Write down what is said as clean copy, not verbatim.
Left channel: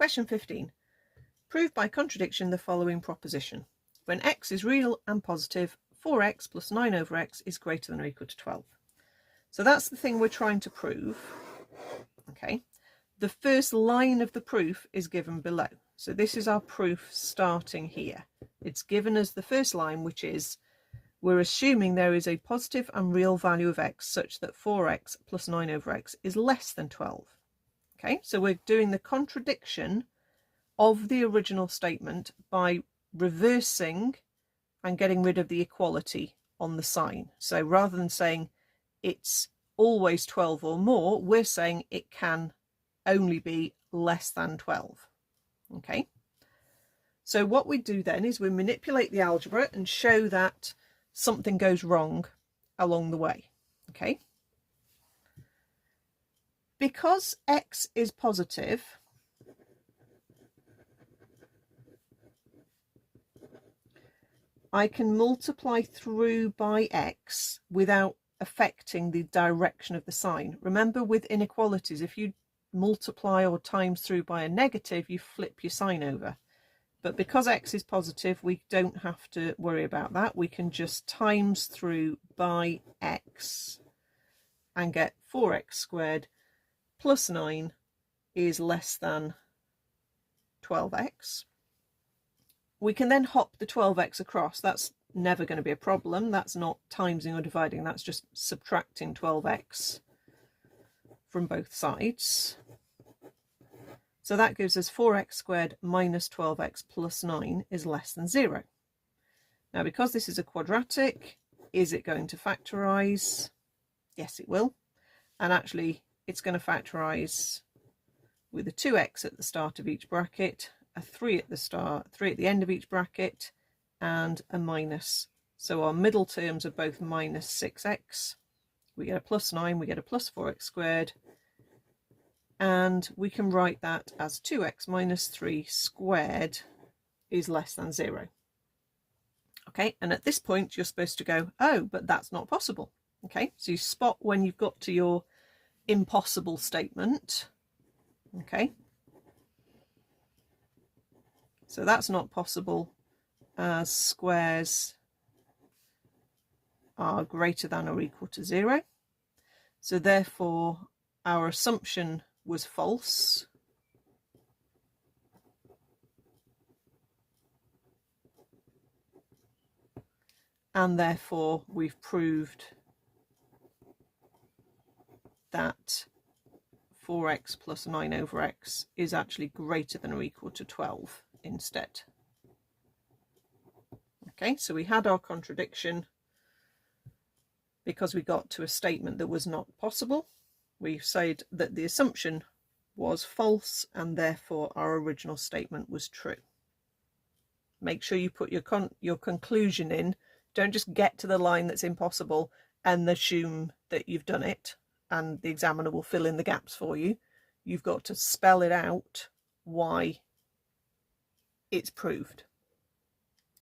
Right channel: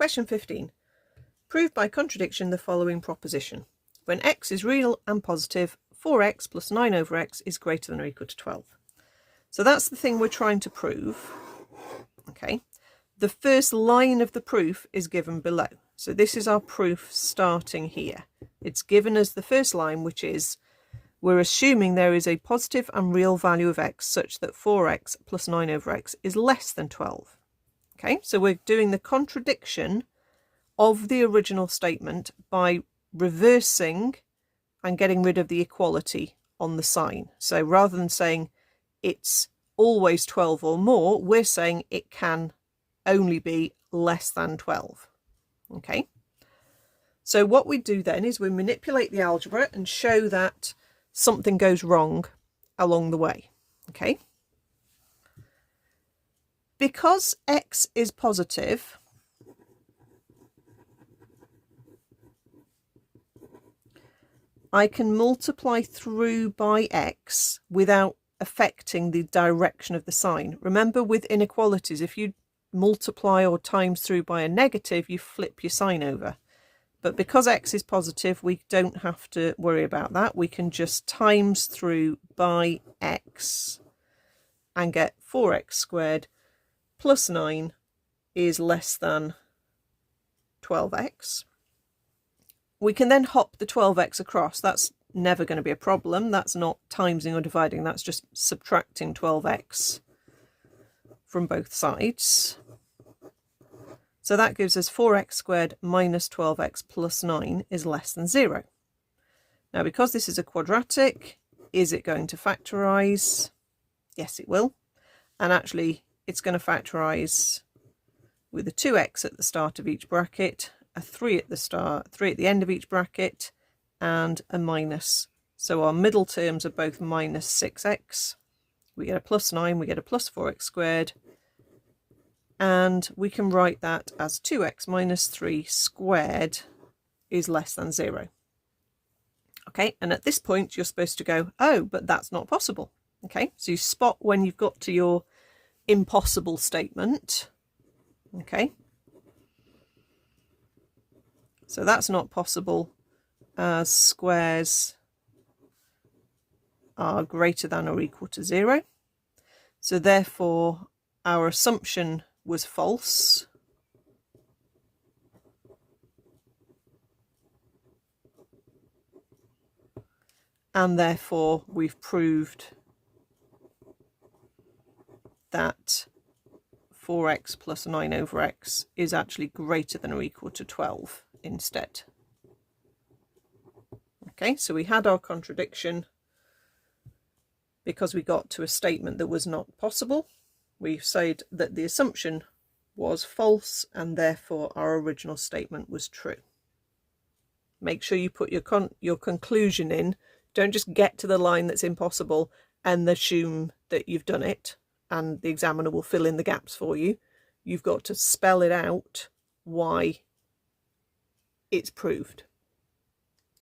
Question 15. Prove by contradiction the following proposition. When x is real and positive, 4x plus 9 over x is greater than or equal to 12. So that's the thing we're trying to prove. Okay. The first line of the proof is given below. So this is our proof starting here. It's given as the first line, which is we're assuming there is a positive and real value of x such that 4x plus 9 over x is less than 12. Okay, so we're doing the contradiction of the original statement by reversing and getting rid of the equality on the sign. So rather than saying it's always 12 or more, we're saying it can only be less than 12. Okay, so what we do then is we manipulate the algebra and show that something goes wrong along the way. Okay, because x is positive, I can multiply through by x without affecting the direction of the sign. Remember, with inequalities, if you multiply or times through by a negative, you flip your sign over. But because x is positive, we don't have to worry about that. We can just times through by x and get 4x squared plus 9 is less than 12x. We can then hop the 12x across. That's never going to be a problem. That's not timesing or dividing. That's just subtracting 12x from both sides. So that gives us 4x squared minus 12x plus 9 is less than 0. Now, because this is a quadratic, is it going to factorise? Yes, it will. And actually, it's going to factorise with a 2x at the start of each bracket, a 3 at the start, 3 at the end of each bracket, and a minus. So our middle terms are both minus 6x. We get a plus 9, we get a plus 4x squared. And we can write that as 2x minus 3 squared is less than 0. Okay, and at this point, you're supposed to go, oh, but that's not possible. Okay, so you spot when you've got to your impossible statement. Okay, so that's not possible as squares are greater than or equal to 0. So therefore, our assumption was false. And therefore, we've proved that 4x plus 9 over x is actually greater than or equal to 12 instead. Okay, so we had our contradiction because we got to a statement that was not possible. We said that the assumption was false and therefore our original statement was true. Make sure you put your conclusion in. Don't just get to the line that's impossible and assume that you've done it and the examiner will fill in the gaps for you. You've got to spell it out why it's proved.